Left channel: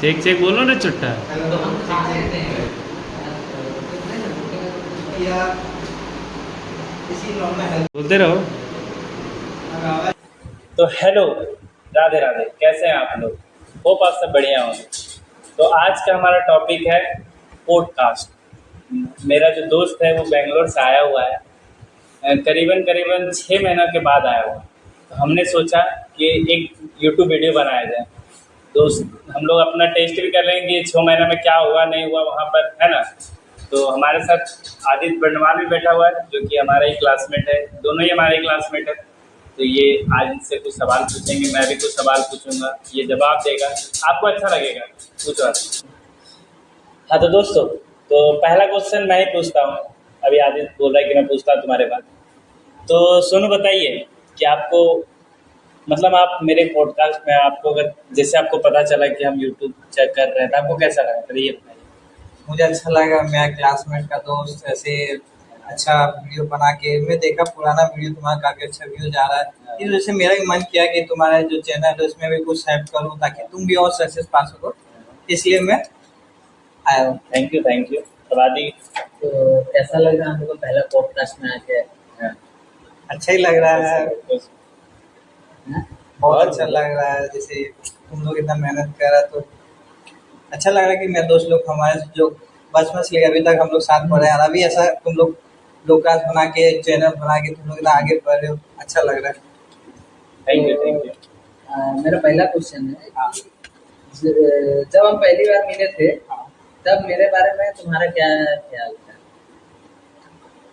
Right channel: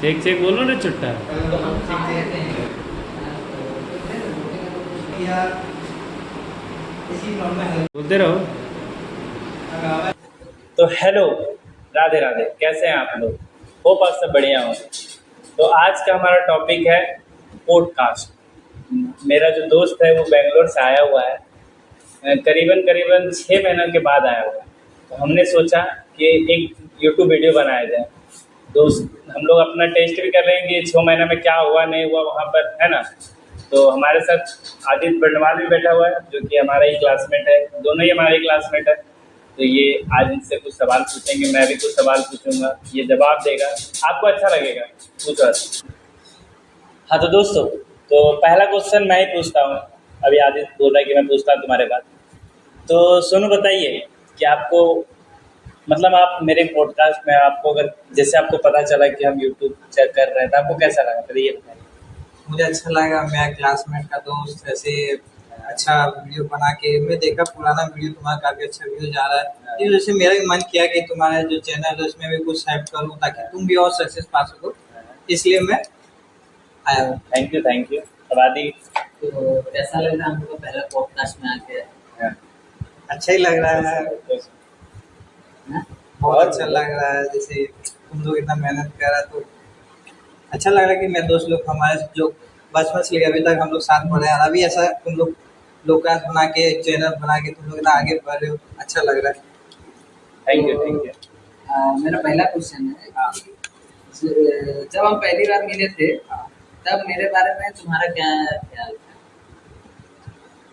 Check check बोलो ना चुट्टा। तो हम खा लेते हैं या इसी नॉर्मल हेल्प। बोलते रहो। तो हेलो, राधे राधे, कैसे हैं आप लोग? होप आप सब बढ़िया होंगे। तो आज का हमारा टॉपिक है पॉडकास्ट। मेरा जो दोस्त है वो बेंगलोर से आया हुआ है, करीबन करीबन 6 महीनों के बाद आया हुआ है। तो हमने सोचा कि एक यूट्यूब वीडियो बनाया जाए। दोस्त हम लोग अपना टेस्ट भी कर रहे हैं कि 6 महीने में क्या हुआ नहीं हुआ वहाँ पर, है ना। तो हमारे साथ आदित्य बंडवाल भी बैठा हुआ है जो कि हमारा ही क्लासमेट है, दोनों ही हमारे क्लासमेट है। तो ये आज इनसे कुछ सवाल पूछेंगे, मैं भी कुछ सवाल पूछूंगा, ये जवाब देगा, आपको अच्छा लगेगा। पूछो आज। हाँ तो दोस्तों, तो पहला क्वेश्चन मैं ही पूछता हूँ। अभी आदित्य बोल रहा है कि मैं पूछता हूँ तुम्हारे बाद। तो सोनू बताइए कि आपको, मतलब आप मेरे पॉडकास्ट में, आपको अगर जैसे आपको पता चला कि हम यूट्यूब चेक कर रहे हैं तो आपको कैसा लगा, पहले ये बताइए। मुझे अच्छा लगा, मेरा क्लासमेट का दोस्त ऐसे अच्छा वीडियो बना के, मैं देखा पुराना वीडियो तुम्हारा काफ़ी अच्छा व्यू जा रहा है। इस वजह से मेरा भी मन किया कि तुम्हारा जो चैनल है उसमें भी कुछ हेल्प करूँ ताकि तुम भी और सक्सेस पा सको, इसलिए मैं आया हूँ। Thank you, thank you. अब आदि। तो कैसा लग रहा है हमको पहला पॉडकास्ट में आके? हाँ, अच्छा ही लग रहा है, हाँ? बहुत अच्छा लग रहा है। जैसे तुम लोग इतना मेहनत कर रहा तो अच्छा लग रहा है कि मेरे दोस्त लोग हमारे जो बचपन से लेकर अभी तक हम लोग साथ पढ़े हैं, और अभी ऐसा तुम लोग लोकास्ट बना के चैनल बना के तुम लोग इतना आगे बढ़ रहे हो, अच्छा लग रहा है। Thank you, thank you. मेरा पहला क्वेश्चन है हाँ। कि जब हम पहली बार मिले थे तब मेरे बारे में तुम्हारा क्या ख्याल था?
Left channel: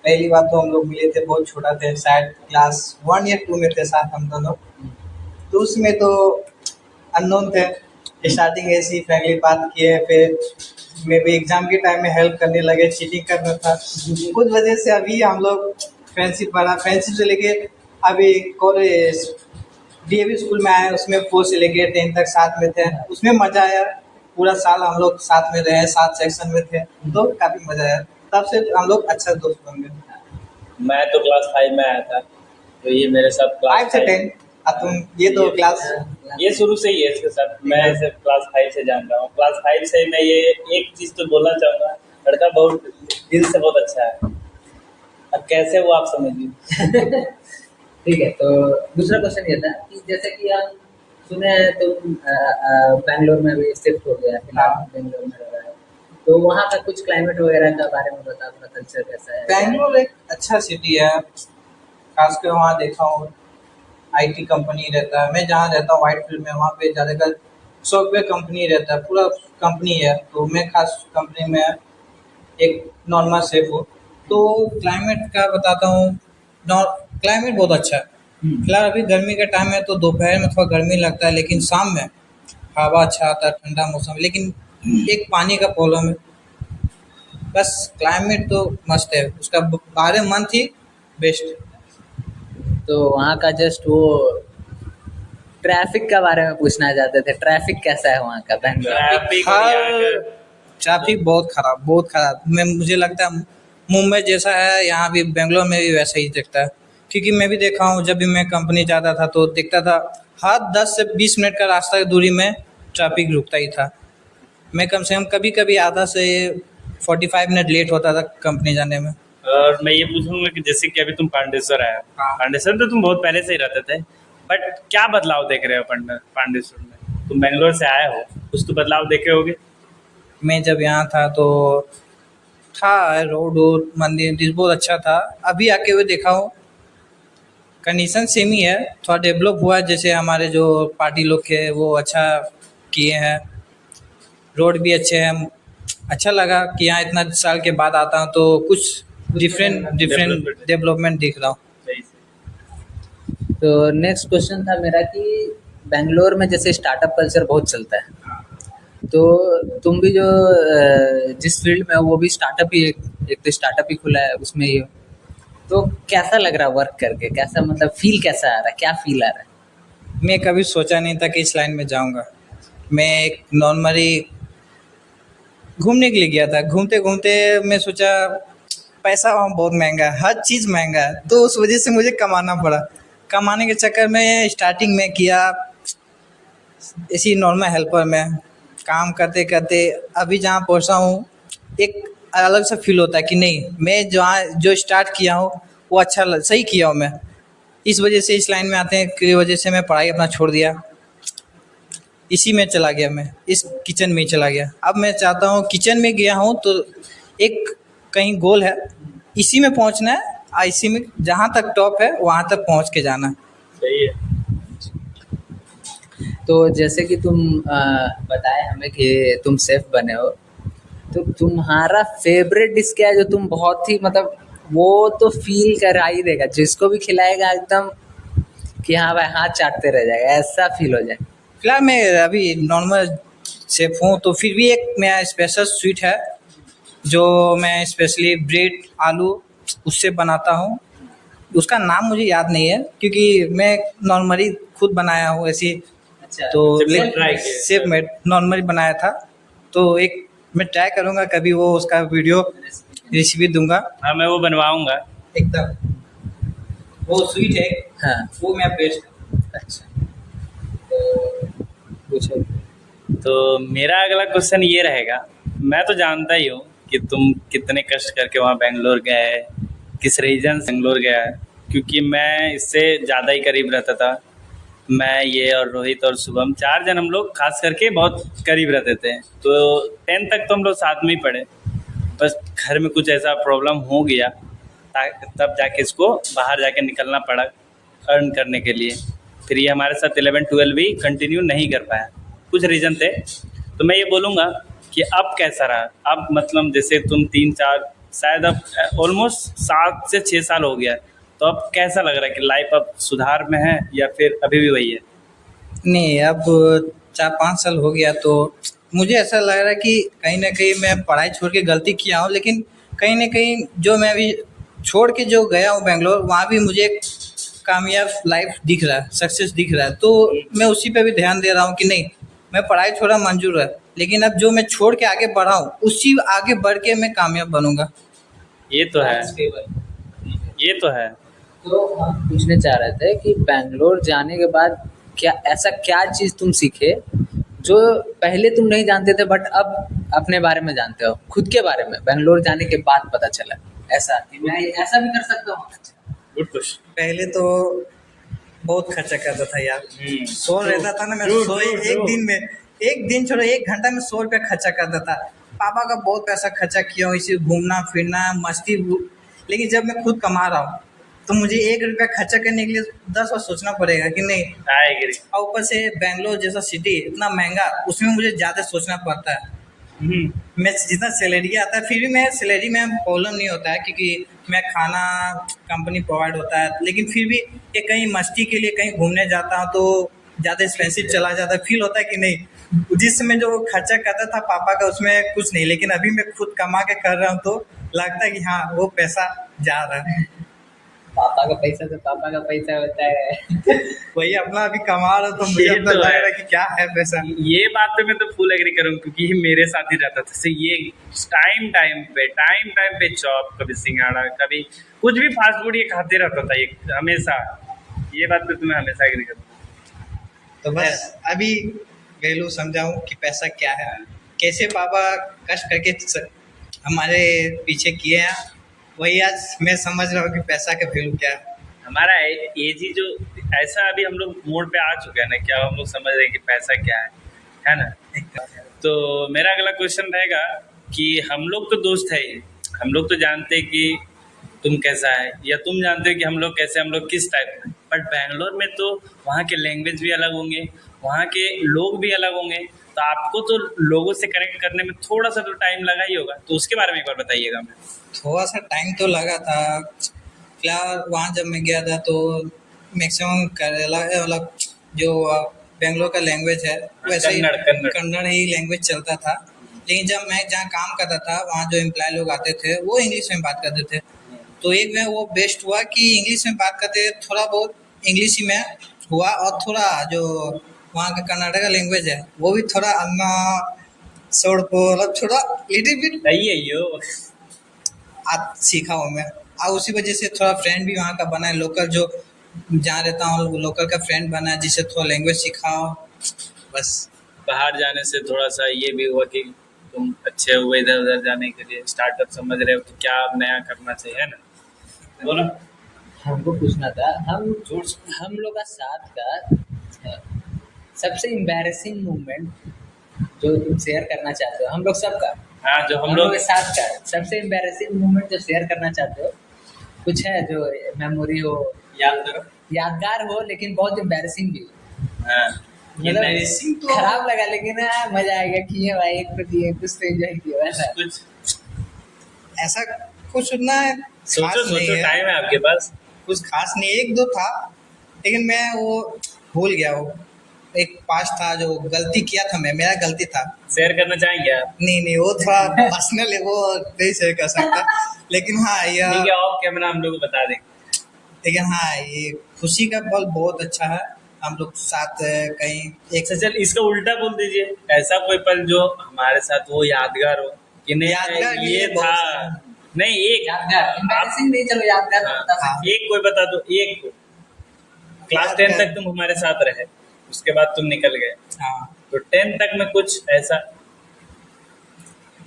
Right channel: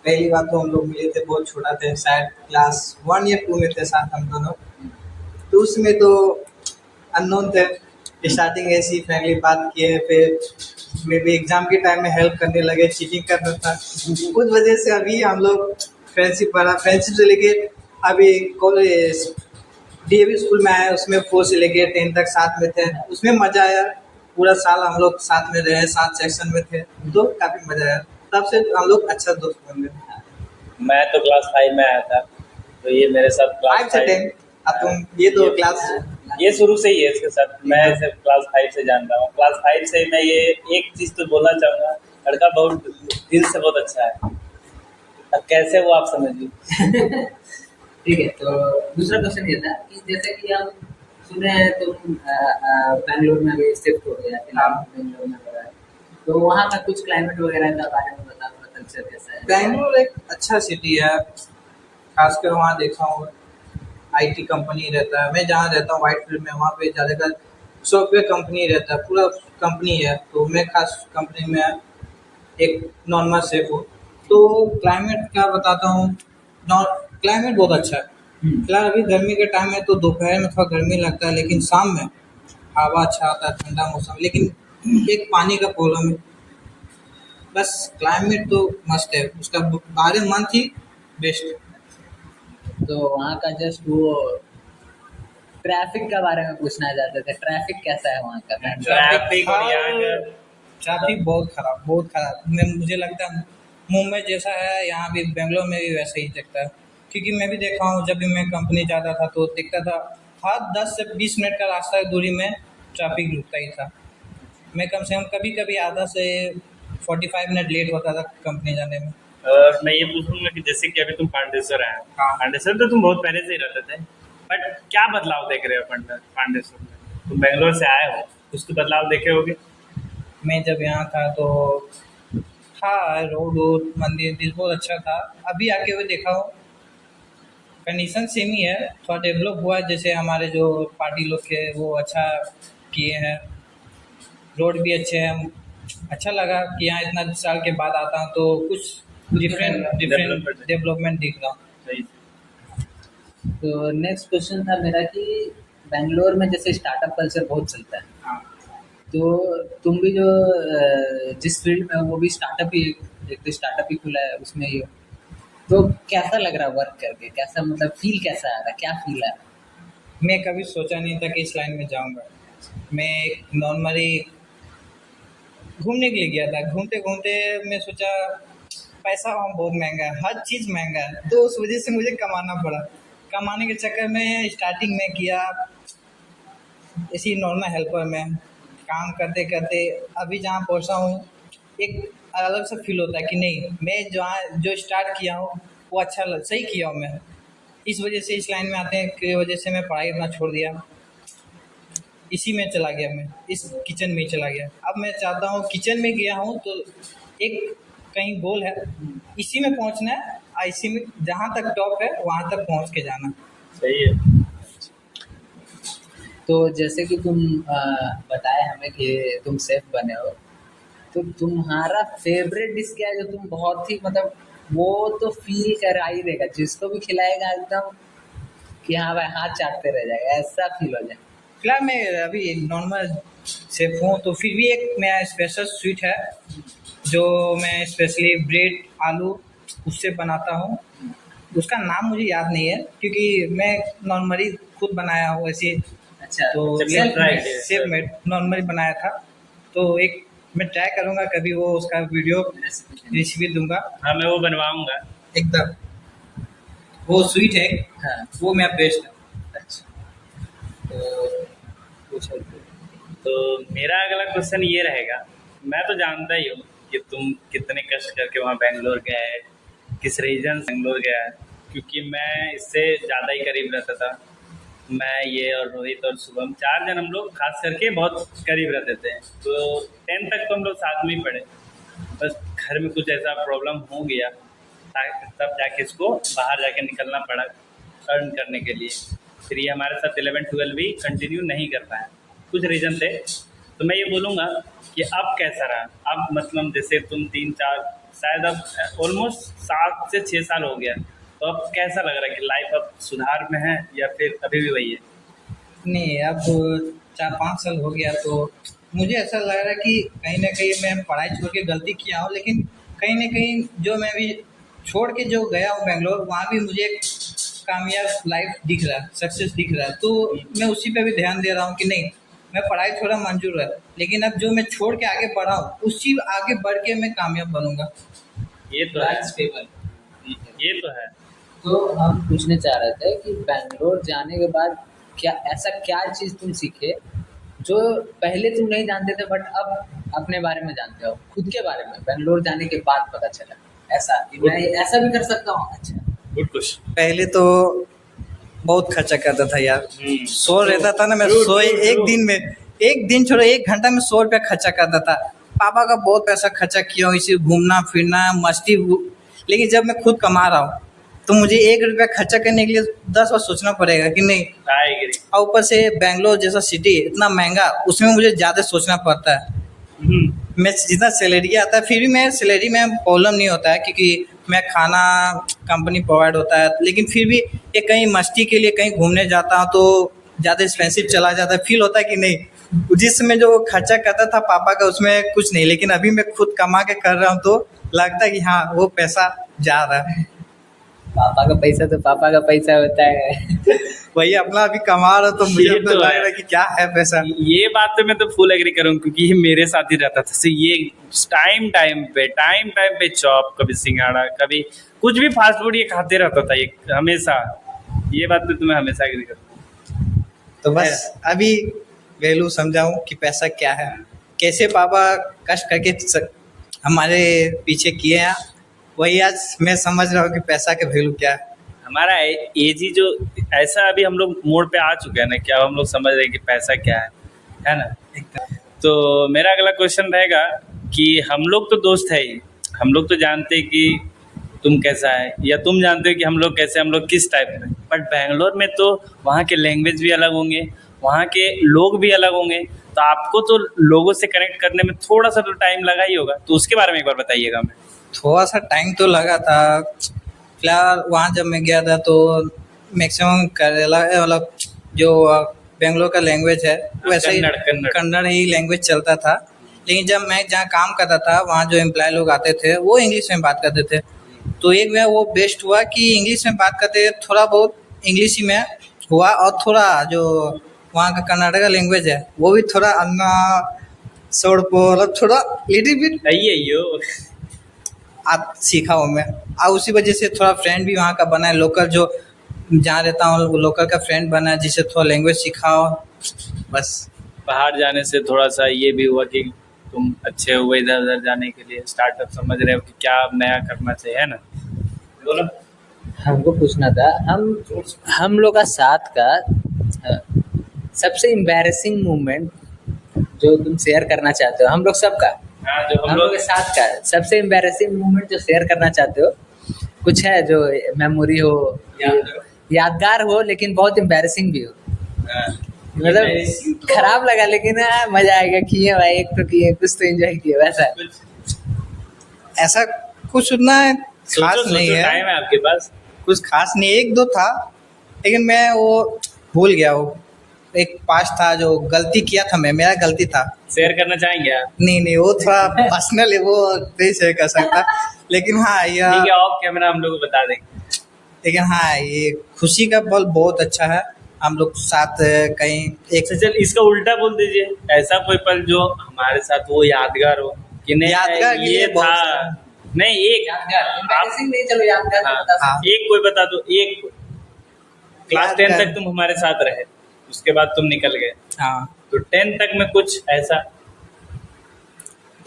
पहली बार तो हम लोग मिले थे, बहुत छोटा थे, शायद क्लास 1 या 2 में थे साथ हम दोनों। तो उसमें तो अननोन थे, स्टार्टिंग ऐसी फ्रेंडली बात किए, फिर मैं भी एग्जाम के टाइम में हेल्प करने लगे, चीटिंग करना था उस वजह से अभी हम लोग फ्रेंडशिप बढ़ा। फ्रेंडशिप से लेके अभी कॉलेज डीएवी स्कूल में आए, उसमें 4 से लेके 10 तक साथ में थे, उसमें मज़ा आया। पूरा साल हम लोग साथ में रहे, 7 सेक्शन में थे, तो काफ़ी मज़ा आया। तब से हम लोग अच्छा दोस्त बन गए। मैं तो क्लास 5 में आया था, तो ये मेरे साथ क्लास 5 से 10 अब तुम ये तो क्लास ये शुरू से ही है इसके साथ। मैं इसे क्लास 5 से जान रहा हूँ। क्लास 5 से मैं ये एक चीज़ तो बोलना चाहूँगा, लड़का बहुत दिल से बहुत अच्छा है। अब कैसे वो आप समझिए। ठीक है, तो दूसरा क्वेश्चन ये था कि जैसे कि हम सुने हैं तुम बैंगलोर में अभी शिफ्ट हो गया, फिलहाल हाँ। बैंगलोर में रह रहा है, तो वहाँ का कुछ क्लाइमेट वगैरह का बारे में बता, थोड़ा कल्चर कैसा है? बैंगलोर एक अच्छा सिटी है, खासकर वहाँ देखा हूँ आईटी कंपनी रहता है। मैं जहाँ रहता हूँ व्हाइट फील्ड में, वहाँ पे ज़्यादातर सॉफ्टवेयर कंपनी रहता है, पूरा कंपनी है। तो मैं खास कंपनी में एक नॉर्मल शेफ हूँ। तो क्लाइमेट का बताता हूँ, क्लाइमेट बहुत अच्छा है। फिलहाल अभी गर्मी का टाइम है तो दोपहर में थोड़ा गर्मी लगता है, लेकिन शाम में हवा अच्छा आता है, ठंडा मौसम। लेकिन एक पानी का प्रॉब्लम है, बस क्लाइमेट तो मस्त है, उसका 12 मंथ ही बेस्ट। तो वहाँ का जस्ट वो ट्रैफिक के बारे में पूछना चाहते थे, ट्रैफिक कैसा है वहाँ का बैंगलोर? ट्रैफिक और यहाँ का ट्रैफिक बहुत खराब, बहुत खराब। मैं मुझे लगता है मुंबई जैसा है, यहाँ भी बेंगलोर में भी वैसा ही दिखता है। क्योंकि मैं भी देखा हूँ, जब भी मैं कंपनी जाता था तो देखता था हर 10 से 20 मिनट का रास्ता की दूरी में ट्रैफिक रुकता ही था। मैं कम से कम कभी कभी आधा से 45 मिनट लेट होता था कंपनी जाने में। और मैं ये पूछूंगा कि जैसे कि अभी तुम पांडेश्वर आए हो, हाँ। पांडेश्वर तो तुम बहुत पहले से ही रहते थे, बट क्या बदलाव देख रहे हो पांडेश्वर में? तुम बेंगलोर से आए हो, कुछ तो बदलाव देखे होगे। मैं जब यहाँ था तो था रोड वोड मंदिर वंदिर बहुत अच्छा था। अभी आके हुए देखा हूँ कंडीशन सेम ही है, थोड़ा डेवलप हुआ है। जैसे हमारे जो पार्टी लोग थे वो अच्छा किए हैं, रोड भी अच्छे हैं। अच्छा लगा कि यहाँ इतना साल के बाद आता हूँ तो कुछ डिफरेंट Development। डेवलपमेंट दिख रहा हूँ। सही से। तो नेक्स्ट क्वेश्चन था मेरा कि बैंगलोर में जैसे स्टार्टअप कल्चर बहुत चलता है, तो तुम भी जो जिस फील्ड में हो वो भी स्टार्टअप ही, एक तो स्टार्टअप ही खुला है उसमें ही हो, तो कैसा लग रहा है वर्क करके? कैसा, मतलब फील कैसा आ रहा है, क्या फील आ रहा है? मैं कभी सोचा नहीं था कि इस लाइन में जाऊँगा। मैं एक नॉर्मली घूमने के लिए गया था, घूमते घूमते मैं सोचा पैसा वहाँ बहुत महंगा है, हर चीज़ महंगा है, तो उस वजह से मुझे कमाना पड़ा। कमाने के चक्कर में स्टार्टिंग में किया इसी नॉर्मल हेल्पर में, काम करते करते अभी जहाँ पहुँचा हूँ, एक अलग सा फील होता है कि नहीं, मैं जहाँ जो स्टार्ट किया हूँ वो सही किया हूँ मैं। इस वजह से इस लाइन में आते हैं की वजह से मैं पढ़ाई अपना छोड़ दिया, इसी में चला गया, मैं इस किचन में ही चला गया। अब मैं चाहता हूँ, किचन में गया हूँ तो एक कहीं गोल है, इसी में पहुँचना है, इसी में जहाँ तक टॉप है वहाँ तक पहुँच के जाना है। सही है। तो जैसे कि तुम बताए हमें कि तुम शेफ बने हो, तो तुम्हारा फेवरेट डिश क्या है जो तुम बहुत ही मतलब वो तो फील करा ही देगा, जिसको भी खिलाएगा एकदम कि हाँ भाई हाथ चाटते रह जाएगा, ऐसा फील हो जाए? फिलहाल मैं अभी नॉर्मल शेफ हूँ, तो फिर भी एक मेरा स्पेशल स्वीट है जो मैं स्पेशली ब्रेड आलू उससे बनाता हूँ। उसका नाम मुझे याद नहीं है क्योंकि मैं नॉर्मली खुद बनाया हूँ ऐसे। अच्छा, तो self tried है। सेफ मेड नॉर्मली बनाया था, तो एक मैं ट्राई करूँगा कभी, वो उसका वीडियो रेसिपी दूंगा हाँ, मैं वो बनवाऊंगा। एकदम। वो स्वीट है, हाँ। वो मेरा बेस्ट है। अच्छा, तो पूछो। तो मेरा अगला क्वेश्चन ये रहेगा, मैं तो जानता ही हूँ कि तुम कितने कष्ट करके वहाँ बेंगलोर गए, किस रीजन से बेंगलोर गया है, क्योंकि मैं इससे ज़्यादा ही करीब रहता था। मैं, ये और रोहित और शुभम, 4 जन हम लोग खास करके बहुत करीब रहते थे। तो 10th तक तो हम लोग साथ में ही पढ़े, बस घर में कुछ ऐसा प्रॉब्लम हो गया तब जाके इसको बाहर जाके निकलना पड़ा अर्न करने के लिए। फिर ये हमारे साथ 11-12 भी कंटिन्यू नहीं कर पाया, कुछ रीज़न थे। तो मैं ये बोलूँगा कि अब कैसा रहा, अब मतलब जैसे तुम 3-4 शायद अब ऑलमोस्ट 7 से 6 साल हो गया, तो अब कैसा लग रहा है कि लाइफ अब सुधार में है या फिर अभी भी वही है? नहीं, अब 4-5 साल हो गया, तो मुझे ऐसा लग रहा है कि कहीं ना कहीं मैं पढ़ाई छोड़ के गलती किया हूँ, लेकिन कहीं ना कहीं जो मैं अभी छोड़ के जो गया हूँ बेंगलोर, वहाँ भी मुझे एक कामयाब लाइफ दिख रहा है, सक्सेस दिख रहा है। तो मैं उसी पे भी ध्यान दे रहा हूँ कि नहीं, मैं पढ़ाई छोड़ा मंजूर है, लेकिन अब जो मैं छोड़ के आगे बढ़ा हूँ उसी आगे बढ़ के मैं कामयाब बनूंगा। ये तो है, That's favor। ये तो है। तो हम पूछने चाह रहे थे कि बैंगलोर जाने के बाद क्या ऐसा क्या चीज़ तुम सीखे जो पहले तुम नहीं जानते थे बट अब अपने बारे में जानते हो, खुद के बारे में बैंगलोर जाने के बाद पता चला, ऐसा कि मैं ऐसा भी कर सकता हूँ? अच्छा, गुड क्वेश्चन। पहले तो बहुत खर्चा करता था यार, सो रहता था ना मैं, True, सोए true, एक true। दिन में, एक दिन छोड़ो 1 घंटा में 100 रुपया खर्चा करता था। पापा का बहुत पैसा खर्चा किया हूँ इसे घूमना फिरना मस्ती, लेकिन जब मैं खुद कमा रहा हूँ तो मुझे 1 रुपया खर्चा करने के लिए 10 बार सोचना पड़ेगा कि नहीं। I agree. और ऊपर से बेंगलोर जैसा सिटी इतना महंगा, उसमें मुझे ज़्यादा सोचना पड़ता है। मैं जितना सैलरी आता है फिर भी मैं सैलरी में प्रॉब्लम नहीं होता है क्योंकि मैं खाना कंपनी प्रोवाइड होता है, लेकिन फिर भी एक कहीं मस्ती के लिए कहीं घूमने जाता हूँ तो ज़्यादा एक्सपेंसिव चला जाता है। फील होता है कि नहीं, जिस समय जो खर्चा करता था पापा का उसमें कुछ नहीं, लेकिन अभी मैं खुद कमा के कर रहा हूँ तो लगता है कि हाँ वो पैसा जा रहा है। पापा का पैसा तो पापा का पैसा होता है। वही अपना अभी कमा रहा तो मुझे ये अपना तो लग है। रहा है कि क्या है पैसा। ये बात तो मैं तो फुल एग्री करूँ, क्योंकि ये मेरे साथ ही रहता था। तो ये टाइम पे चॉप, कभी सिंगाड़ा, कभी कुछ भी फास्ट फूड ये खाते रहता था ये हमेशा। ये बात पे तो मैं हमेशा एग्री करता हूँ। तो बस अभी वैल्यू समझाऊं कि पैसा क्या है, कैसे पापा कष्ट करके हमारे पीछे किए हैं, वही आज मैं समझ रहा हूँ कि पैसा का वैल्यू क्या है। हमारा एज ही जो ऐसा, अभी हम लोग मोड़ पे आ चुके हैं ना, क्या हम लोग समझ रहे हैं कि पैसा क्या है ना। तो मेरा अगला क्वेश्चन रहेगा कि हम लोग तो दोस्त है ही, हम लोग तो जानते हैं कि तुम कैसा है, या तुम जानते हो कि हम लोग कैसे, हम लोग किस टाइप में। बट बैंगलोर में तो वहाँ के लैंग्वेज भी अलग होंगे, वहाँ के लोग भी अलग होंगे, तो आपको तो लोगों से कनेक्ट करने में थोड़ा सा तो टाइम लगा ही होगा। तो उसके बारे में एक बार बताइएगा हमें। थोड़ा सा टाइम तो लगा था। फिलहाल वहाँ जब मैं गया था तो मैक्सिमम केरला मतलब जो बेंगलोर का लैंग्वेज है वैसे ही कन्नड़ ही लैंग्वेज चलता था। लेकिन जब मैं जहाँ काम करता था वहाँ जो एम्प्लॉय लोग आते थे वो इंग्लिश में बात करते थे, तो एक में वो बेस्ट हुआ कि इंग्लिश में बात करते थोड़ा बहुत इंग्लिश ही में हुआ, और थोड़ा जो वहाँ का कर्नाटका लैंग्वेज है वो भी थोड़ा अन्ना सोड़पो मतलब थोड़ा लिटिल बिट अयो आप सीखा हूँ मैं। और उसी वजह से थोड़ा फ्रेंड भी वहाँ का बना है, लोकल जो जहाँ रहता हूँ लोकल का फ्रेंड बना है जिससे थोड़ा लैंग्वेज सीखा हो बस। बाहर जाने से थोड़ा सा ये भी हुआ कि तुम अच्छे हुए इधर उधर जाने के लिए, स्टार्टअप समझ रहे हो कि क्या अब नया करना चाहिए, है ना? बोलो। हमको पूछना था, हम लोग का साथ का सबसे एम्बैरेसिंग मोमेंट जो तुम शेयर करना चाहते हो, हम लोग सबका, हाँ, जो हम हम लोग लोग के साथ का सबसे एम्बैरेसिंग मोमेंट जो शेयर करना चाहते हो, कुछ है जो मेमोरी हो, यादगार हो, लेकिन बहुत एम्बैरेसिंग भी हो, हाँ, मतलब खराब लगा लेकिन मजा आएगा, किए भाई, एक तो किए, कुछ तो एंजॉय किए, वैसा। कुछ ऐसा कुछ उतना खास सोचो नहीं सोचो, है, टाइम है आपके पास। कुछ खास नहीं, एक दो था लेकिन मैं वो भूल गया। वो एक पास था जो गलती किया था, मैं, मेरा गलती था। शेयर करना चाहेंगे आप? नहीं नहीं, वो थोड़ा पर्सनल है, वो नहीं शेयर कर सकता। लेकिन हाँ यह ठीक है, ऑफ कैमरा हम लोग को बता देंगे। लेकिन हाँ, ये खुशी का पल बहुत अच्छा है। हम लोग साथ कहीं एक अच्छा चल, इसका उल्टा बोल दीजिए, ऐसा कोई पल जो हमारे साथ वो यादगार हो कि नहीं यादगार के ये लिए बहुत था। सारा। नहीं, एक यादगार, आप एम्बैरेसिंग नहीं, चलो यादगार तो बता हाँ, सकते एक कोई बता दो, एक कोई। क्लास 10 यादगार। तक तुम हमारे साथ रहे, उसके बाद तुम निकल गए, हाँ, तो 10 तक में कुछ ऐसा।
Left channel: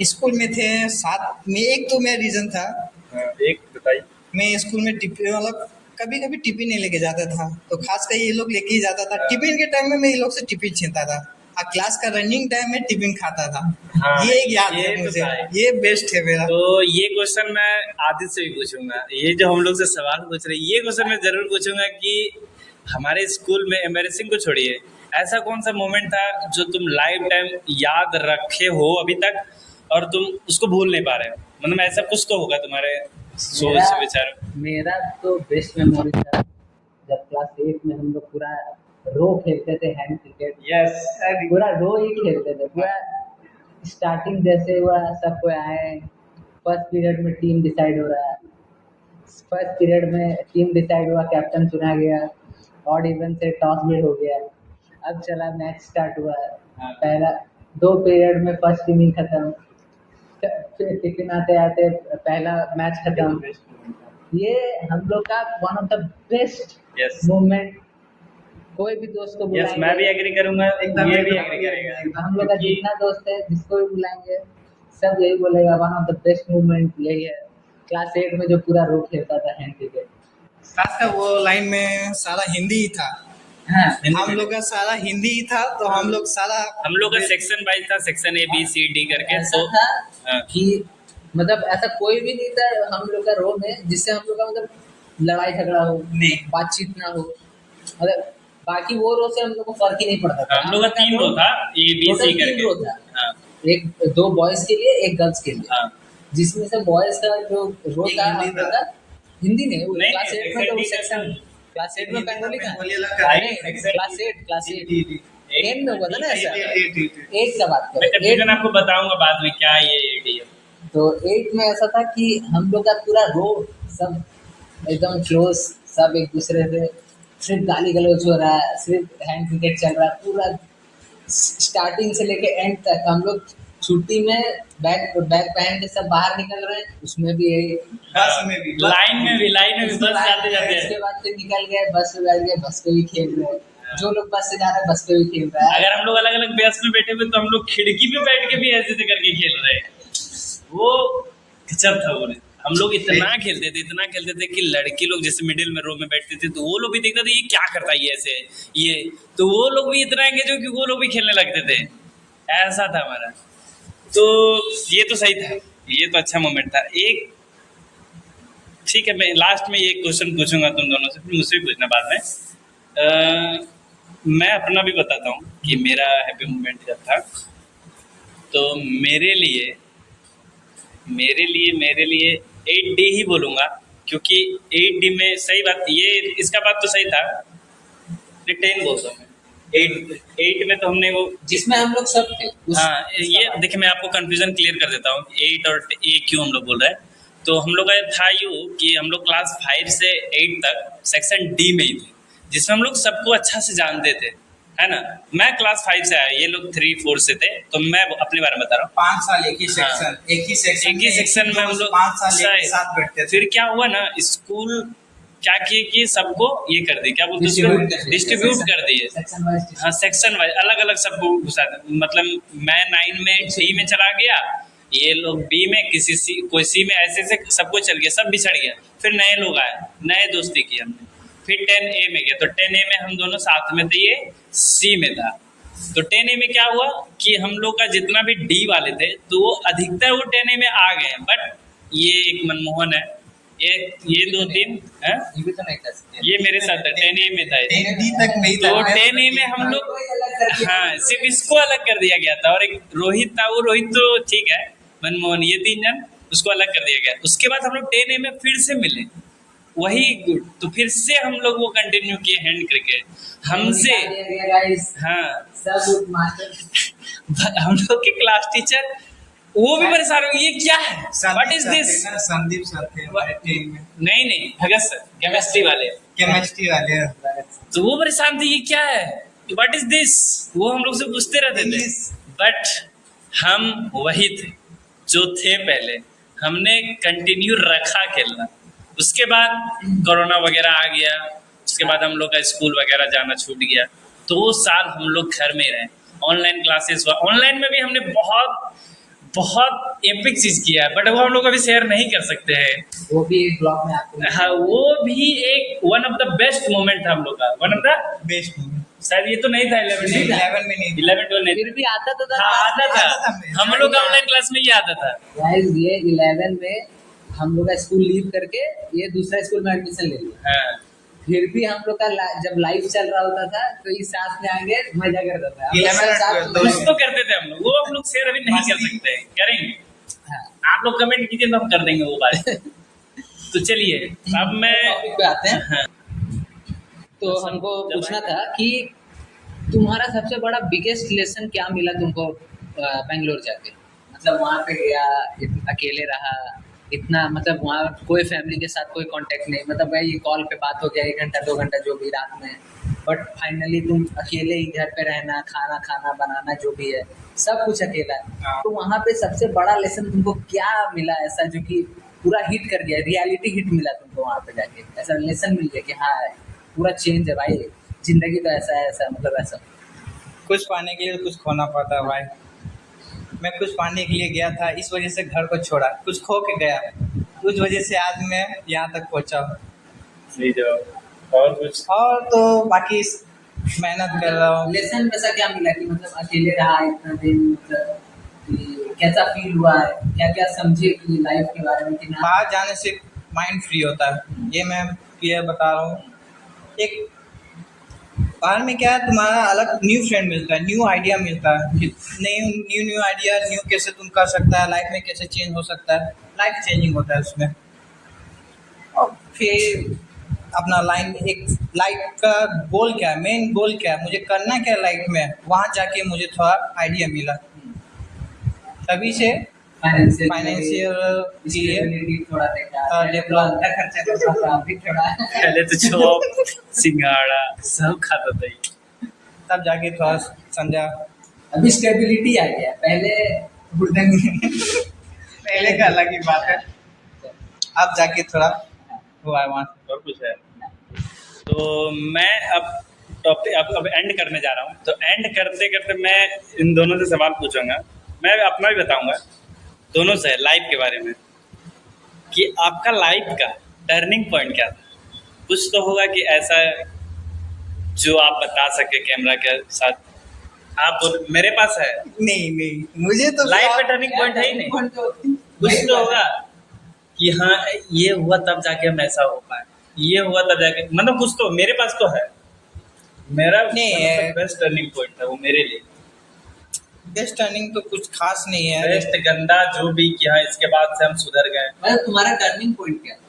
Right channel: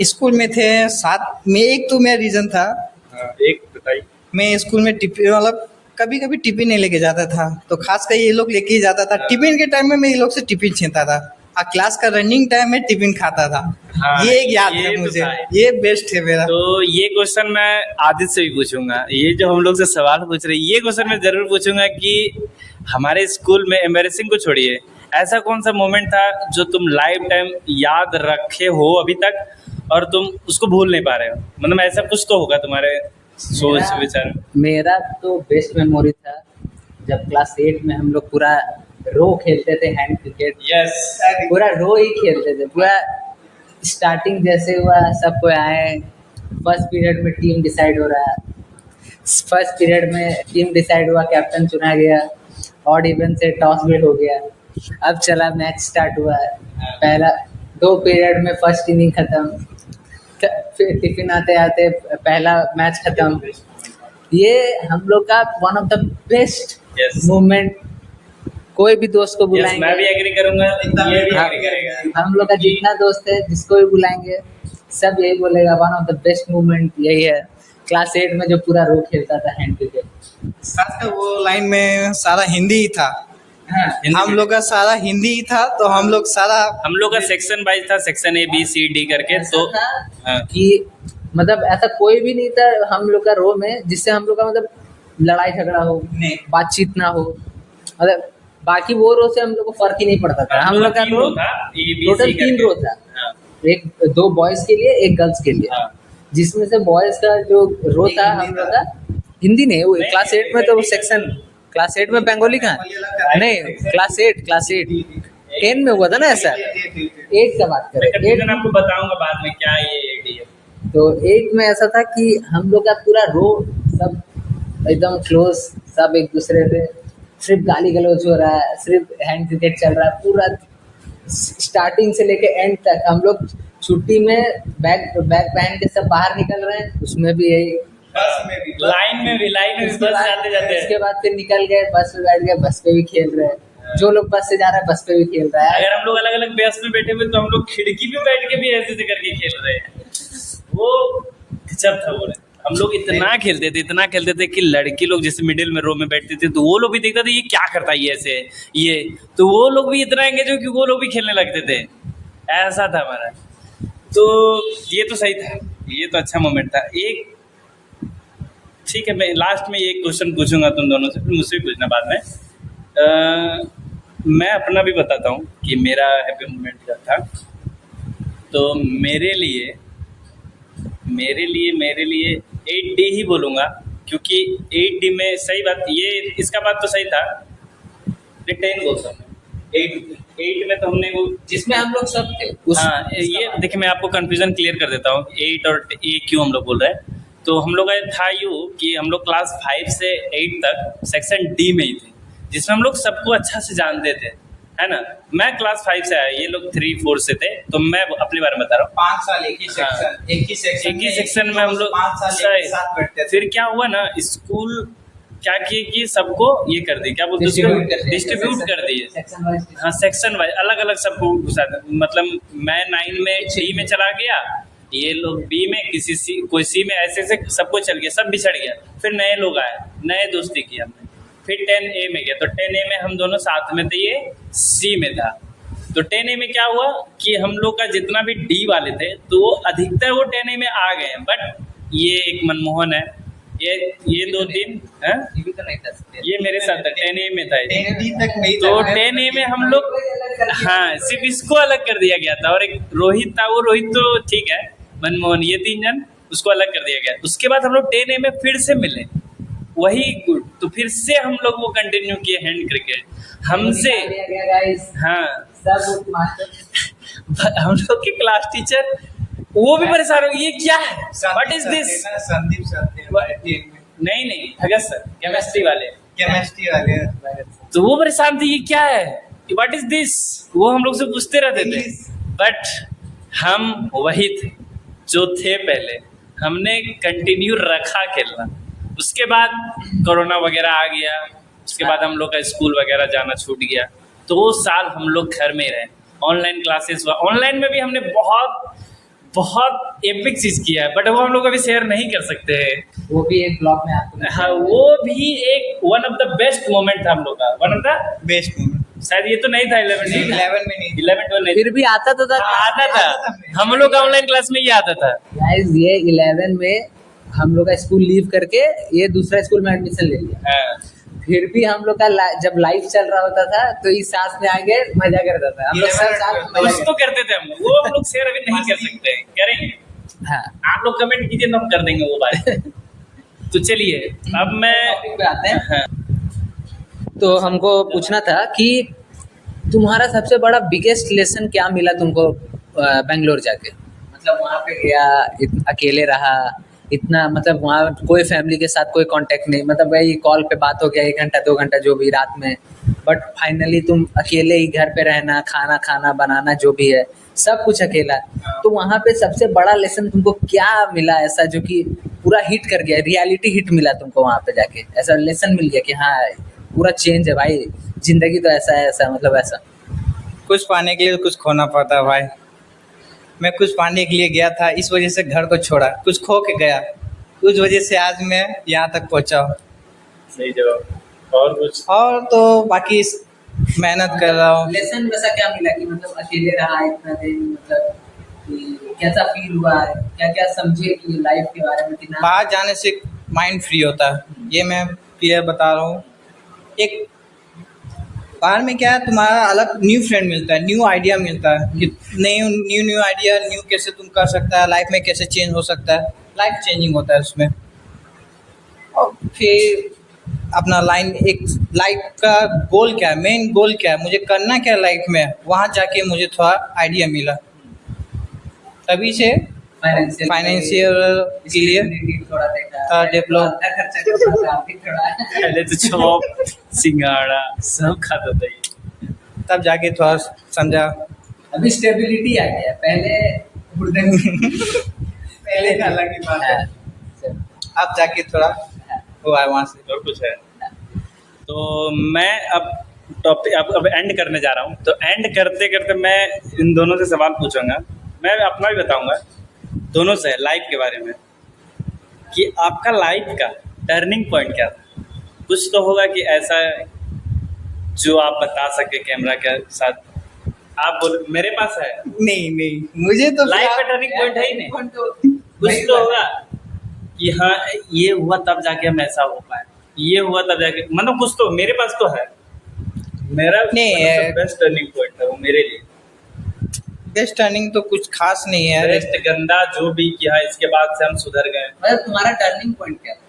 स्कूल में थे साथ में, एक तो मेरा रीजन था। हाँ, एक बताइए। मैं स्कूल में टिफिन, मतलब कभी कभी टिफिन नहीं लेके जाता था, तो खासकर ये लोग लेके ही जाता था। हाँ। टिफिन के टाइम में मैं ये लोग से टिफिन छीनता था, और क्लास का रनिंग टाइम में टिफिन खाता था। हाँ, ये एक याद ये है तो मुझे, था। ये बेस्ट है मेरा। तो ये क्वेश्चन मैं आदित्य से भी पूछूंगा, ये जो हम लोग से सवाल पूछ रहे हैं, ये क्वेश्चन मैं जरूर पूछूंगा कि हमारे स्कूल में एम्बैरेसिंग को छोड़िए, ऐसा कौन सा मोमेंट था जो तुम लाइफ टाइम याद रखे हो अभी तक और तुम उसको भूल नहीं पा रहे हो? मतलब ऐसा कुछ तो होगा तुम्हारे सोच विचार में। मेरा तो बेस्ट मेमोरी था जब क्लास 8 में हम लोग पूरा रो खेलते थे, हैंड क्रिकेट, यस, पूरा रो ही खेलते थे पूरा। स्टार्टिंग जैसे हुआ, सबको आए, फर्स्ट पीरियड में टीम डिसाइड हो रहा है, फर्स्ट पीरियड में टीम डिसाइड हुआ, कैप्टन चुना गया, ऑड इवन से टॉस भी हो गया। अब चला मैच स्टार्ट हुआ, पहला 2 पीरियड में फर्स्ट इनिंग खत्म, फिर टिफिन आते आते पहला मैच खत्म। ये हम लोग का one of the best Yes. Moment. कोई भी दोस्त को यस, बुलाएंगे, मैं भी एग्री करूंगा, एकदम ये भी हाँ। एग्री करेगा। हम लोग का जितना दोस्त है, जिसको भी बुलाएंगे, सब यही बोलेगा one of the best moment यही है, क्लास 8 में जो पूरा रो खेलता था हैंड क्रिकेट। खासकर वो लाइन में सारा हिंदी ही था, हाँ, हम लोग का सारा हिंदी ही था, तो हम लोग सारा हम लोग का सेक्शन वाइज था, section A B C D करके। ऐसा तो था हाँ। कि मतलब ऐसा कोई भी नहीं था हम लोग का रो में जिससे हम लोग का मतलब लड़ाई झगड़ा हो, नहीं। बातचीत ना हो, मतलब बाकी वो रो से हम लोग को फर्क ही नहीं पड़ता था। हम लोग का 3 रो था, ए बी टोटल सी 3 रो था, हाँ, एक 2 बॉयज के लिए, एक गर्ल्स के लिए, हाँ। जिसमें से बॉयज का जो रो एक था हिंदी हम लोग था। का हिंदी नहीं, वो नहीं, क्लास 8 में तो exactly सेक्शन, क्लास 8 में बंगाली कहाँ बंगाली अलग है। नहीं, क्लास 8 10 में हुआ था ना ऐसा, 8 का बात मैं करें, कंफ्यूजन आपको बताऊंगा बाद में क्या ये एडी है। तो 8 में ऐसा था कि हम लोग का पूरा रो सब एकदम क्लोज, सब एक दूसरे से सिर्फ गाली गलौज हो रहा है, सिर्फ हैंड क्रिकेट चल रहा है पूरा स्टार्टिंग से लेके एंड तक। हम लोग छुट्टी में बैग पहन के सब बाहर निकल रहे हैं, उसमें भी यही, बस में भी लाइन में भी बस जाते जाते उसके बाद फिर निकल गए, बस पे बैठ गए, बस पे भी खेल रहे हैं, जो लोग बस से जा रहा है बस पे भी खेल रहा है। अगर हम लोग अलग अलग बस में बैठे हुए तो हम लोग खिड़की पे बैठ के भी ऐसे ऐसे करके खेल रहे हैं। वो गजब था। वो हम लोग इतना खेलते थे कि लड़की लोग जैसे मिडिल में रो में बैठते थे तो वो लोग भी देखते थे ये क्या करता है ये ऐसे, ये तो वो लोग भी इतना एंगेज हो कि वो लोग भी खेलने लगते थे। ऐसा था हमारा। तो ये तो सही था, ये तो अच्छा मोमेंट था। एक ठीक है, मैं लास्ट में ये क्वेश्चन पूछूंगा तुम दोनों से, फिर मुझसे भी पूछना बाद में। मैं अपना भी बताता हूँ कि मेरा हैप्पी मोमेंट जब था, तो मेरे लिए 8D ही बोलूँगा, क्योंकि 8D में सही बात ये, इसका बात तो सही था, 10 बोलता हूँ मैं। 8 में तो हमने वो जिसमें हम लोग सब थे हाँ, ये देखिए मैं आपको कंफ्यूजन क्लियर कर देता हूँ, 8 और ए क्यों हम लोग बोल रहे हैं। तो हम लोग का था यूँ कि हम लोग क्लास 5 से 8 तक सेक्शन डी में ही थे, जिसमें हम लोग सबको अच्छा से जानते थे, है ना। मैं क्लास 5 से आया, ये लोग 3-4 से थे, तो मैं अपने बारे में बता रहा हूँ। 5 साल एक ही सेक्शन, एक ही सेक्शन में हम लोग 5 साल एक साथ बैठते थे। फिर क्या हुआ ना, स्कूल क्या किए कि सबको ये कर दी, क्या बोलते हैं Distribute कर उसको, दिए। डिस्ट्रीब्यूट कर दिए। सेक्शन वाइज हाँ, सेक्शन वाइज अलग अलग सबको घुसा था। मतलब मैं 9 में डी में चला गया, ये लोग बी में, किसी सी, कोई सी में, ऐसे ऐसे सबको चल गया, सब बिछड़ गया। फिर नए लोग आए, नए दोस्ती की हमने। फिर 10A में गया, तो 10A में हम दोनों साथ में थे, ये सी में था। तो 10A में क्या हुआ कि हम लोग का जितना भी डी वाले थे तो वो अधिकतर वो 10A में आ गए। बट ये एक मनमोहन है, ये 2-3 हैं? ये भी तो नहीं था। ये मेरे साथ था, 10A में था ये। 10D तक नहीं तो था। 10A में हम लोग, हाँ, सिर्फ इसको अलग कर दिया गया था। और एक रोहित था, वो रोहित तो ठीक है, मनमोहन, ये 3 जन, उसको अलग कर दिया गया। उसके बाद हम लोग 10A में फिर से मिले, वही गुड। तो फिर से हम लोग वो कंटिन्यू किए हैंड क्रिकेट हमसे। गाइस हाँ, सब मास्टर हम लोग के क्लास टीचर वो भी परेशान हो गए, ये क्या है, what is this. Sandeep sir थे हमारे टीम में, नहीं, भगत सर, केमिस्ट्री वाले। केमिस्ट्री वाले। तो वो परेशान थे, ये क्या है, व्हाट इज दिस, वो हम लोग से पूछते रहते थे। बट हम वही थे जो थे पहले, हमने कंटिन्यू रखा खेलना। उसके बाद कोरोना वगैरह आ गया, उसके बाद हम लोग का स्कूल वगैरह जाना छूट गया। 2 साल हम लोग घर में रहे, ऑनलाइन क्लासेस हुआ। ऑनलाइन में भी हमने बहुत एपिक चीज़ किया है, बट वो हम लोग अभी शेयर नहीं कर सकते हैं। वो भी एक ब्लॉग में आपको। हाँ, वो भी एक one of the best moment था हम लोग का, one of the best moment. शायद ये तो नहीं था 11 में, 11 में नहीं। 11-12 नहीं फिर भी आता तो था। हाँ, आता था। हम लोग का ऑनलाइन क्लास में ये आता था। गाइस ये 11 में हम लोग का स्कूल लीव करके ये दूसरा स्कूल में एडमिशन ले लिया। हाँ, फिर भी हम लोग का जब लाइव चल रहा होता था तो इस साथ में आगे मजा करता था हम लोग सब साथ में कुछ तो करते थे हम लोग, वो हम लोग शेयर अभी नहीं कर सकते, करेंगे। हाँ। आप लोग कमेंट कीजिए तो हम कर देंगे वो बात। तो चलिए अब मैं टॉपिक पे आते हैं। हाँ, तो हमको पूछना था कि तुम्हारा सबसे बड़ा बिगेस्ट लेसन क्या मिला तुमको बेंगलोर जाके? मतलब वहाँ पे गया, अकेले रहा इतना, मतलब वहाँ कोई फैमिली के साथ कोई कांटेक्ट नहीं, मतलब वही कॉल पे बात हो गया 1 घंटा 2 घंटा जो भी रात में। बट फाइनली तुम अकेले ही घर पे रहना, खाना बनाना जो भी है सब कुछ अकेला। तो वहाँ पे सबसे बड़ा लेसन तुमको क्या मिला ऐसा जो कि पूरा हिट कर गया, रियलिटी हिट मिला तुमको वहाँ पे जाके, ऐसा लेसन मिल गया कि हाँ पूरा चेंज है भाई, जिंदगी तो ऐसा है, ऐसा मतलब ऐसा। कुछ पाने के लिए कुछ खोना पड़ता है भाई। मैं कुछ पाने के लिए गया था, इस वजह से घर को छोड़ा, कुछ खो के गया, उस वजह से आज मैं यहाँ तक पहुँचा हूँ। सही जवाब। और कुछ? और तो बाकी मेहनत कर रहा हूँ। लेसन वैसा क्या मिला कि मतलब अकेले रहा इतना दिन, मतलब कि कैसा फील हुआ है, क्या क्या समझे कि लाइफ के बारे में कि ना। बाहर जाने से माइंड फ्री होता है, ये मैं क्लियर बता रहा हूँ। एक बाहर में क्या है, तुम्हारा अलग न्यू फ्रेंड मिलता है, न्यू आइडिया मिलता है कि न्यू आइडिया, न्यू कैसे तुम कर सकता है, लाइफ में कैसे चेंज हो सकता है, लाइफ चेंजिंग होता है उसमें। और फिर अपना एक लाइफ का गोल क्या है, मेन गोल क्या है, मुझे करना क्या है लाइफ में, वहाँ जाके मुझे थोड़ा आइडिया मिला। तभी से फाइनेंशियल के लिए थोड़ा देखा, डेवलप खर्चा करता था अभी थोड़ा। पहले तो चॉप सिंगाड़ा सब खाता था ये, तब जाके थोड़ा समझा। अभी स्टेबिलिटी आ गया, पहले हुड़दंग पहले का अलग ही बात है, अब जाके थोड़ा हुआ है वहाँ से। और कुछ है? तो मैं अब टॉपिक अब एंड करने जा रहा हूँ। तो एंड करते करते मैं इन दोनों से सवाल पूछूंगा, मैं अपना भी बताऊंगा, दोनों से लाइफ के बारे में, कि आपका लाइफ का टर्निंग पॉइंट क्या था। कुछ तो होगा कि ऐसा जो आप बता सके कैमरा के साथ। आप बोलो, मेरे पास है नहीं मुझे तो लाइफ का टर्निंग पॉइंट है ही नहीं। कुछ तो होगा कि हाँ ये हुआ तब जाके हम ऐसा हो पाए, ये हुआ तब जाके, मतलब कुछ तो मेरे पास तो है। मेरा नहीं, बेस्ट टर्निंग पॉइंट था वो मेरे लिए। बेस्ट टर्निंग तो कुछ खास नहीं है, बेस्ट गंदा जो भी किया, इसके बाद से हम सुधर गए। मतलब तुम्हारा टर्निंग पॉइंट क्या था?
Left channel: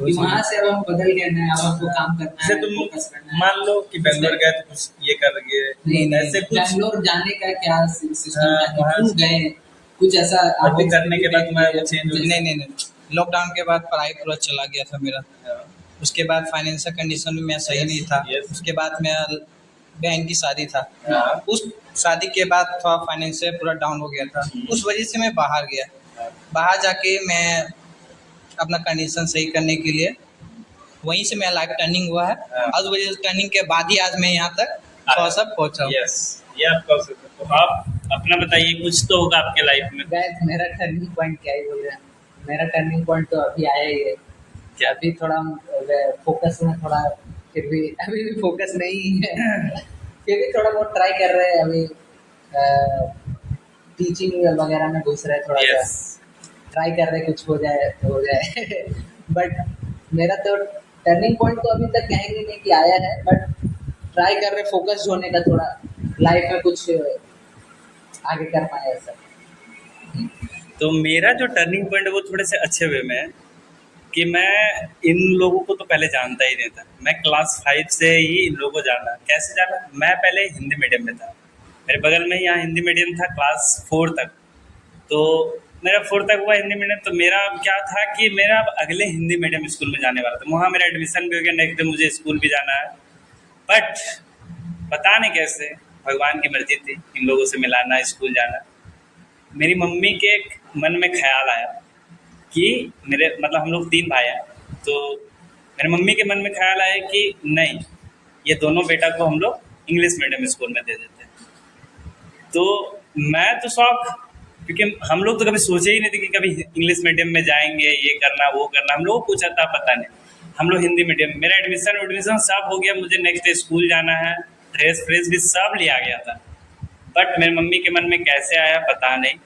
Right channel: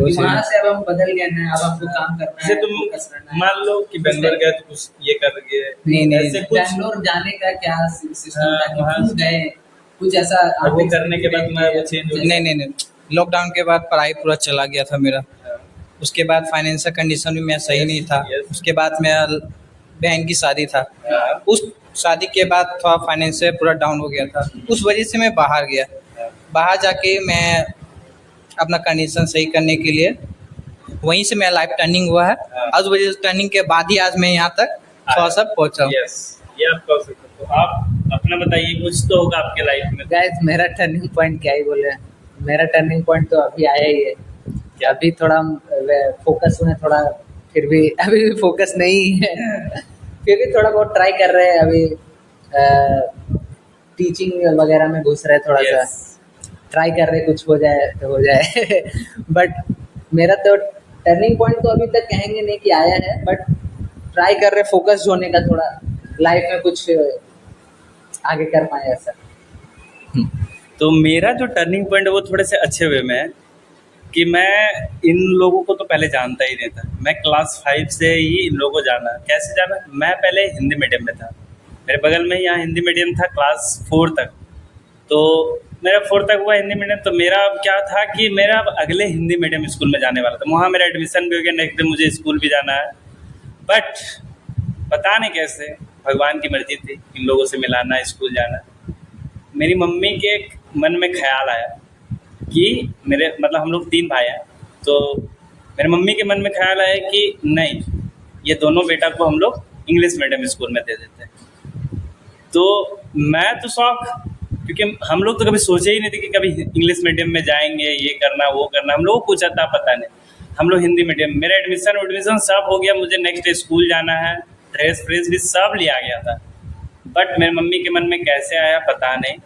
वहाँ से अब हम बदल गए ना, अब हमको काम करना जैसे है, तुम फोकस करना है। मान लो कि बेंगलोर गए तो कुछ ये कर गए, नहीं ऐसे कुछ बैंगलोर जाने का क्या सिस्टम हाँ, था कि वहाँ क्यों गए, कुछ ऐसा वो करने के बाद मैं वो चेंज हो गया। नहीं लॉकडाउन के बाद पढ़ाई पूरा चला गया था मेरा। उसके बाद फाइनेंशियल कंडीशन भी मैं सही नहीं था। Yes. उसके बाद मेरा बहन की शादी था, हाँ। उस शादी के बाद थोड़ा फाइनेंशियल पूरा डाउन हो गया था, उस वजह से मैं बाहर गया। बाहर जाके मैं अपना कंडीशन सही करने के लिए वहीं से मेरा लाइफ टर्निंग हुआ है। हाँ। आज वजह टर्निंग के बाद ही आज मैं यहाँ तक थोड़ा सा पहुँचा हूँ। यस, ये आप कह सकते हो। तो आप अपना बताइए, कुछ तो होगा आपके लाइफ में। गाइस मेरा टर्निंग पॉइंट क्या ही बोले, मेरा टर्निंग पॉइंट तो अभी आया ही है। क्या? अभी थोड़ा फोकस में थोड़ा, फिर भी अभी भी फोकस नहीं है फिर भी थोड़ा बहुत ट्राई कर रहे हैं अभी। टीचिंग वगैरह में घुस रहे हैं थोड़ा सा, यस, ट्राई कर रहे कुछ हो जाए तो हो जाए बट मेरा तो टर्निंग पॉइंट तो अभी तक कहेंगे नहीं कि आया है, बट ट्राई कर रहे फोकस होने का, थोड़ा लाइफ में कुछ आगे कर पाए ऐसा। तो मेरा जो टर्निंग पॉइंट है वो थोड़े से अच्छे वे में है कि मैं इन लोगों को तो पहले जानता ही नहीं था। मैं क्लास 5 से ही इन लोगों को जाना। कैसे जाना? मैं पहले हिंदी मीडियम में था, मेरे बगल में ही यहाँ हिंदी मीडियम था क्लास 4 तक। तो मेरा 4 तक हुआ हिंदी मीडियम। तो मेरा अब क्या था कि मेरा अब अगले हिंदी मीडियम स्कूल में जाने वाला था, वहाँ मेरा एडमिशन भी हो गया, नेक्स्ट डे मुझे स्कूल भी जाना है। बट पता नहीं कैसे भगवान की मर्जी थी इन लोगों से मिलाना, स्कूल जाना। मेरी मम्मी के मन में ख्याल आया कि मेरे मतलब हम लोग 3 भाई हैं, तो मेरे मम्मी के मन में ख्याल आया कि नहीं, ये दोनों बेटा को हम लोग इंग्लिश मीडियम स्कूल में दे देते हैं। तो मैं तो शौक, क्योंकि हम लोग तो कभी सोचे ही नहीं थे कि कभी इंग्लिश मीडियम में जाएंगे, ये करना वो करना। हम लोग को कुछ आता पता नहीं, हम लोग हिंदी मीडियम। मेरा एडमिशन सब हो गया, मुझे नेक्स्ट डे स्कूल जाना है, ड्रेस फ्रेस भी सब लिया गया था। बट मेरी मम्मी के मन में कैसे आया पता नहीं,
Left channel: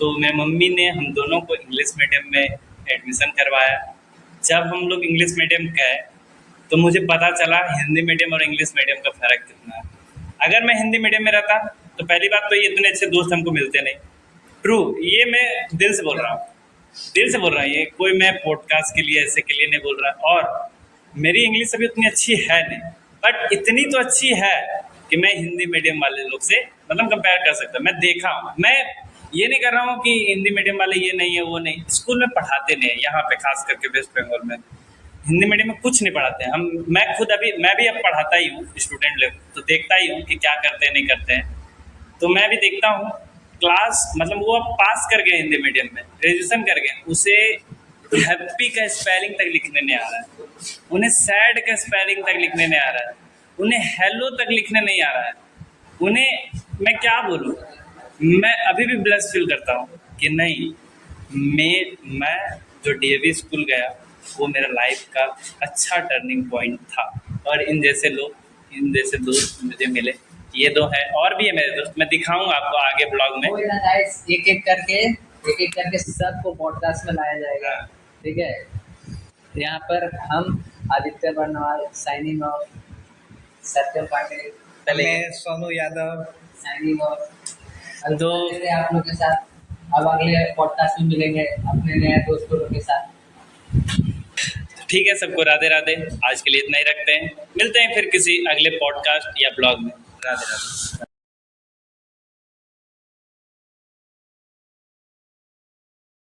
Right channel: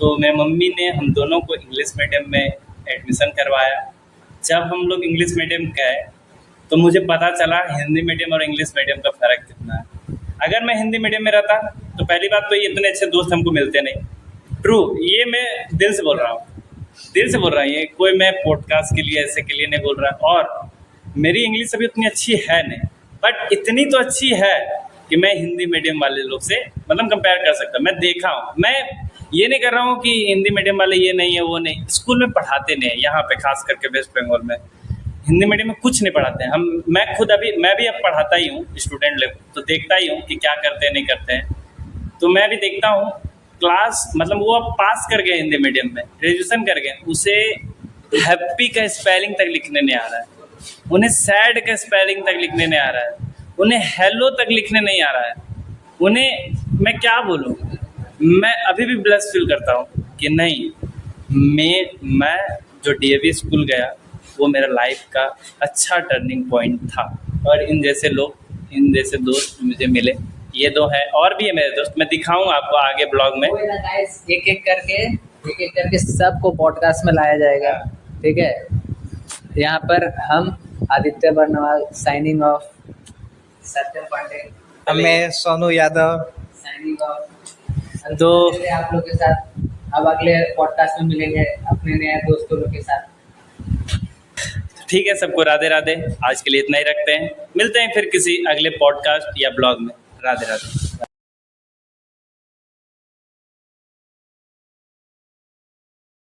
तो मेरी मम्मी ने हम दोनों को इंग्लिश मीडियम में एडमिशन करवाया। जब हम लोग इंग्लिश मीडियम गए तो मुझे पता चला हिंदी मीडियम और इंग्लिश मीडियम का फ़र्क कितना है। अगर मैं हिंदी मीडियम में रहता तो पहली बात तो ये इतने अच्छे दोस्त हमको मिलते नहीं। ट्रू, ये मैं दिल से बोल रहा हूँ, दिल से बोल रहा हूँ, ये कोई मैं पॉडकास्ट के लिए ऐसे के लिए नहीं बोल रहा। और मेरी इंग्लिश अभी उतनी अच्छी है नहीं, बट इतनी तो अच्छी है कि मैं हिंदी मीडियम वाले लोग से मतलब कंपेयर कर सकता हूँ। मैं देखा हूँ, मैं ये नहीं कर रहा हूँ कि हिंदी मीडियम वाले ये नहीं है वो नहीं, स्कूल में पढ़ाते नहीं है यहाँ पे, खास करके वेस्ट बंगाल में हिंदी मीडियम में कुछ नहीं पढ़ाते हैं। मैं खुद मैं भी अब पढ़ाता ही हूँ स्टूडेंट लोग, तो देखता ही हूँ कि क्या करते हैं नहीं करते हैं। तो मैं भी देखता हूँ क्लास मतलब वो अब पास कर गए हिंदी मीडियम में, ग्रेजुएशन कर गए, उसे हैप्पी का स्पेलिंग तक लिखने नहीं आ रहा है, उन्हें सैड का स्पेलिंग तक लिखने नहीं आ रहा है, उन्हें हेलो तक लिखने नहीं आ रहा है। उन्हें मैं क्या बोलूँ, मैं अभी भी ब्लश फील करता हूँ कि नहीं, मैं जो डीएवी स्कूल गया वो मेरा लाइफ का अच्छा टर्निंग पॉइंट था। और इन जैसे लोग, इन जैसे दोस्त मुझे मिले, ये 2 हैं, और भी है मेरे दोस्त, मैं दिखाऊँ आपको आगे ब्लॉग में। कोई ना गाइस, एक एक करके सबको पॉडकास्ट में लाया जाएगा, ठीक है। यहाँ पर हम आदित्य बर्नवाल साइनिंग ऑफ, सत्यम पांडे, मैं सोनू यादव साइनिंग ऑफ। तो आप लोग के साथ अब अगले पॉडकास्ट में मिलेंगे अपने नए दोस्तों लोग के साथ। ठीक है, सबको राधे राधे। आज के लिए इतना ही रखते हैं, मिलते हैं फिर किसी अगले पॉडकास्ट या ब्लॉग में। राधे राधे।